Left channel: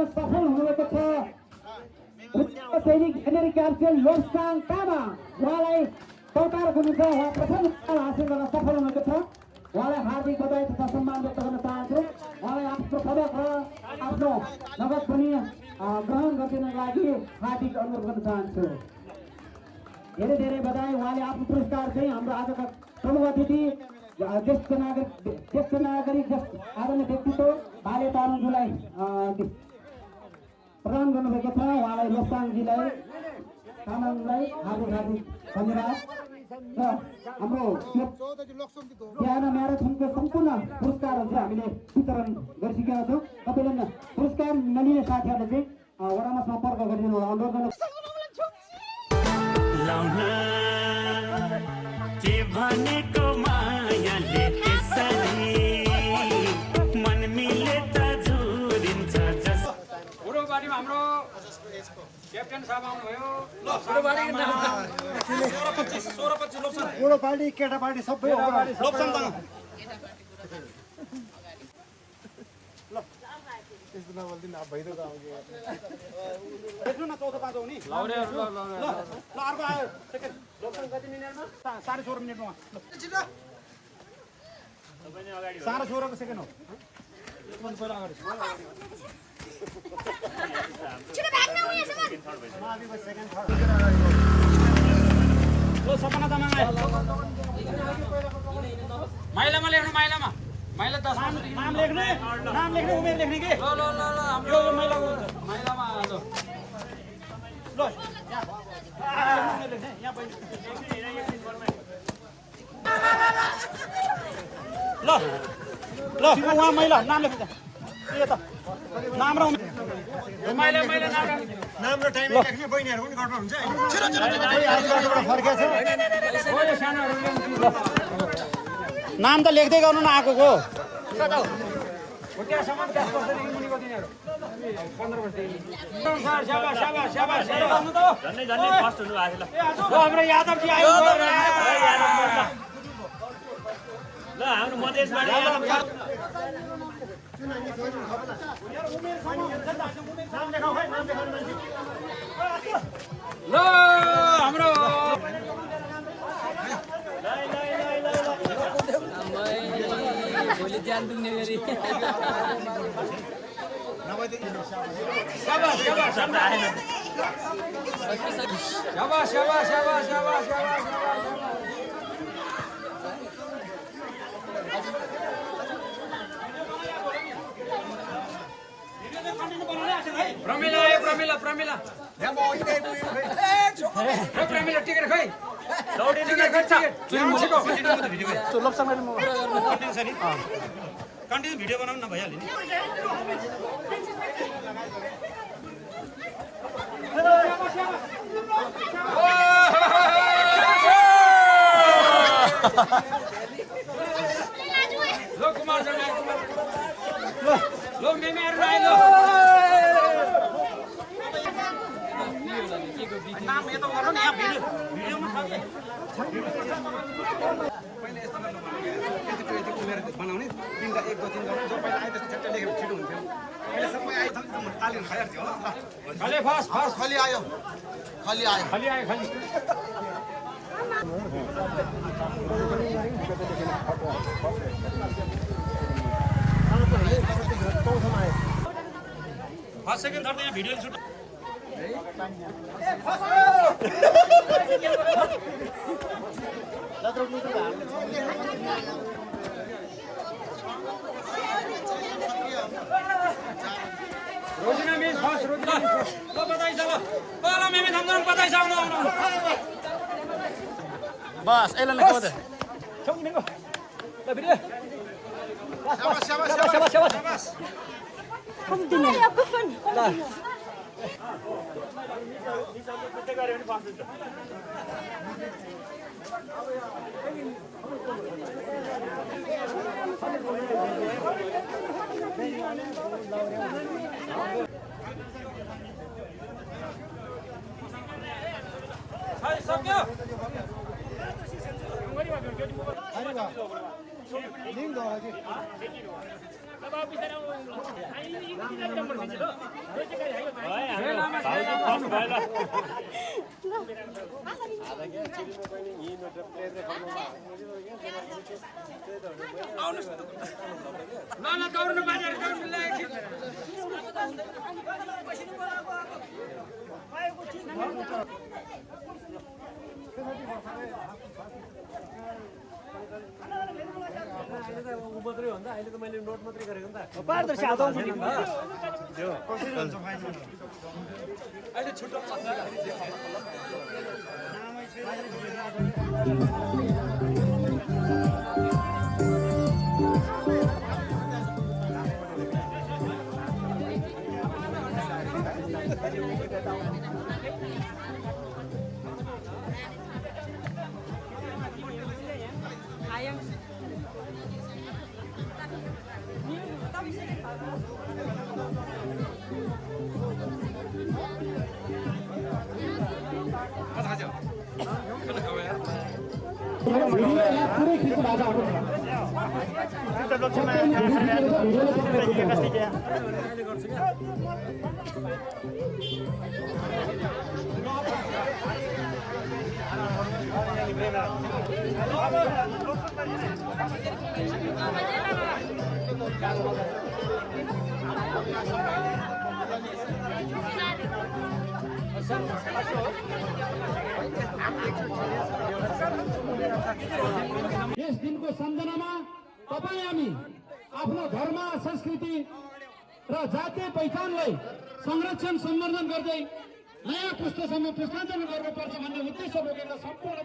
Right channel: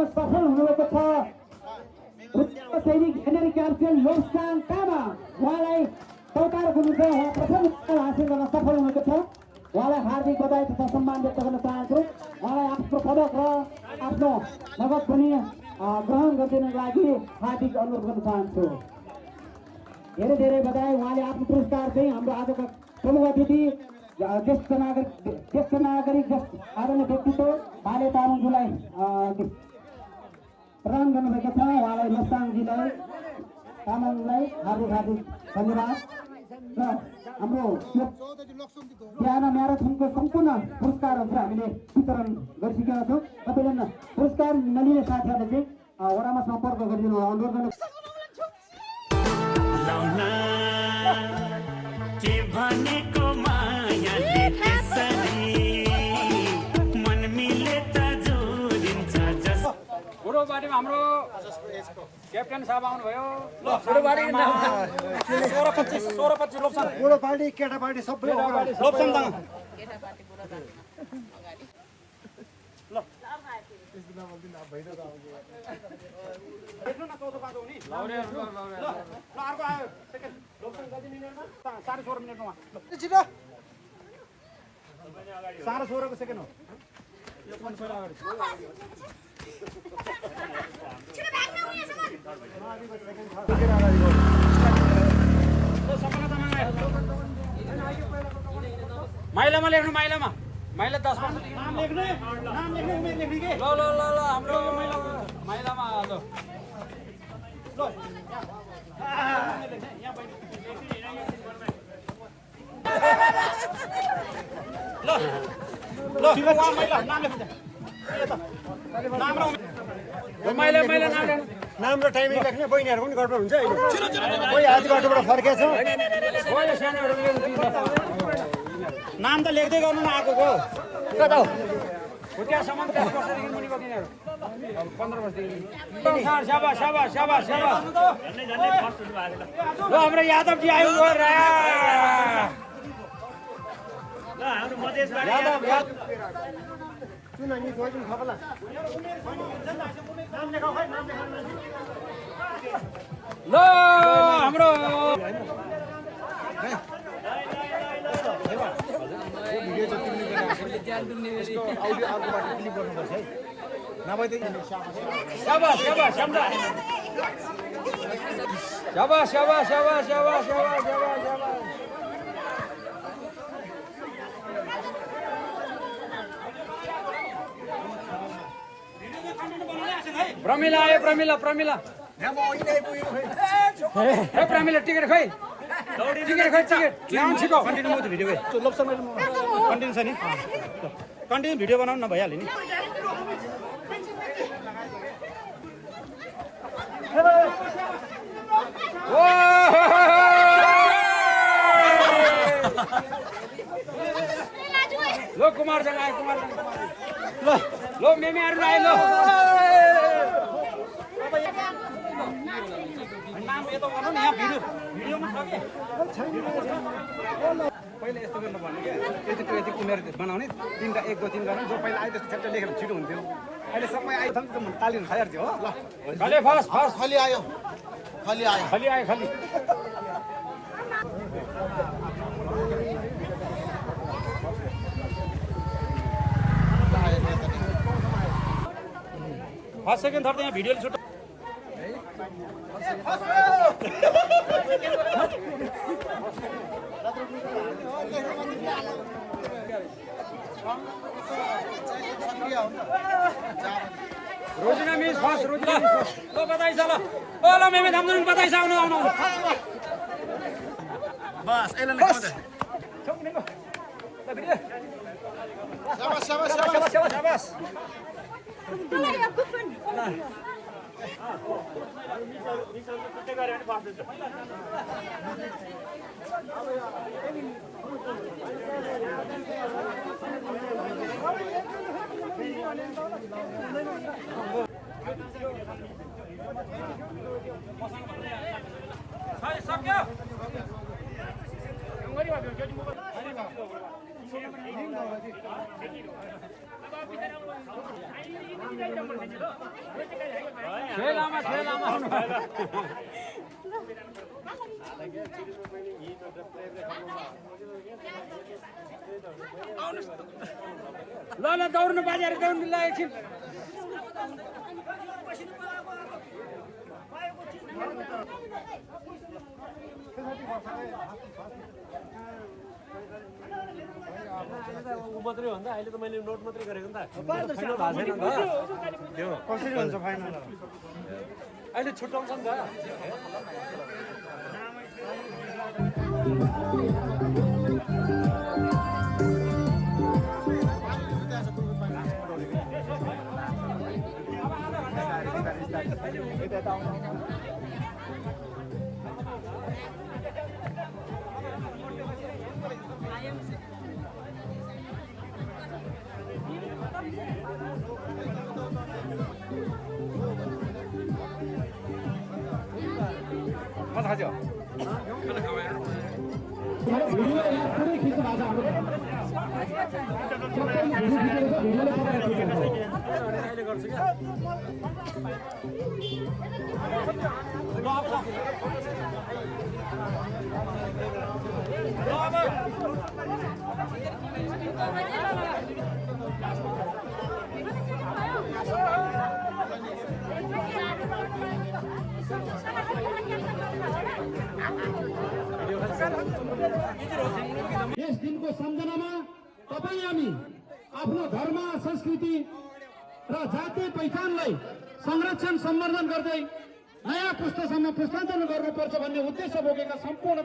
गर्न सफल हुनुभएको छ। सैनिक हेनरी क्याप्टेन लोसाङ तामा उहाँलाई चौतार हुनुहुन्छ, उहाँ प्रथम स्थान हासिल गर्न सफल हुनुभएको छ। उहाँलाई हार्दिक बधाई तथा सम्मान व्यक्त गर्न चाहन्छु। उहाँलाई आफ्नो पदक र आफ्नो नगद पनि ग्रहण गरिदिनको लागि हार्दिक अनुरोध गर्न चाहन्छु। धेरै धेरै बधाई। उहाँले आफ्नो पुरस्कार चाहिँ हाम्रो आजका प्रमुख अतिथि ज्येष्ठ नागरिक आदरणीय व्यक्तित्व भाले तामाङज्यूलाई प्रदान गर्नुभएको छ। उहाँलाई लोसाङजीलाई तामाङलाई हार्दिक हार्दिक धन्यवाद। र हाम्रो बिहान म्याराथनको सम्पूर्ण पुरस्कारहरू चाहिँ हामीले वितरण गरिसकेका छौँ। तपाईँले पुरस्कार नलिने साथीहरूले चाहिँ वडामा सम्पर्क गरिदिनु अनुरोध गर्न के भनेको मायाले त्यसरी मन मिले त जोडिन्छ जस बुढोबारीमा हाम्रो क्याप्टेन साहब आउनुभयो। बुढो पार्टी केटा पार्टी सबै सानो 16 सेकेन्ड हो। माइलामा लेख्नु, माइलामा माइला 10 वर्षदेखि नाम लेख्ने उमेर लेख्ने के ल हाम्रो माइलामा ल ल माइला नाम लेख्नु। नाम र टाइमिङ लेख्ने बहिनीहरुको पनि गडबड हुन्छ। कोही आज गडबडबाट फर्केछ। नाम त लेख्दै गर्नु न आएको को हाम्रो यादवजी आयो। नाम लेखाउ खै, नाम लेखाउने मान्छे ल हाम्रो प्रमिला आयो। प्रमिला प्रमिला प्रमिला टिकट खै कन्टिन्यू भिडियो बनाउनु न भइहाल्यो नि। लो कुमार जन आयो। लो मेमेहरु आयो। नाम यतो गर्नु नि, यहाँ भिडियोमा छ के पहिला यस्तो गर्नु भने यति उमेर बनाउने 3 1 2 3 गर्नु। जो पहिला आए त्यस्तो ठ्याक्क लेखेर छिटो हुन्थ्यो। अहिले सबै आइसक्यो त म तालिम खाइहाल्थ्यो हो। खाली फर्स्ट खाली आयो खाली आयो खाली आयो खाली फर्स्ट सेकेन्ड थर्ड यहाँ भिडियोले सुट रोजिना मिस फर्स्ट रोजिना ल बधाई छ ल ल मेमे धमधम बधाई छ आउनु बस यसलाई नै कमाउँदै शाबास शाबास शाबास शाबास सक्यो छे लामा ल दौड्नु बाजेर दौड्नु ल एकछिन मात्रै हो नि त अहिले त मैले नोट मात्रै गरेको नि त पारदर्शी अहिले छुट्याउँछ भिडियो यहाँ पुरै खिच्नु भएको अहिले गर्छु क्या यस दिनको सम्झनामा तपाईँ हामी आफ्नो धर्म संस्कृति र जातीय पहिचानलाई संरक्षण सम्वर्धन गर्दै नयाँ पुस्तासम्म पुस्तान्तरण गर्नुपर्छ भन्ने उद्देश्य बोकेर सम्पूर्ण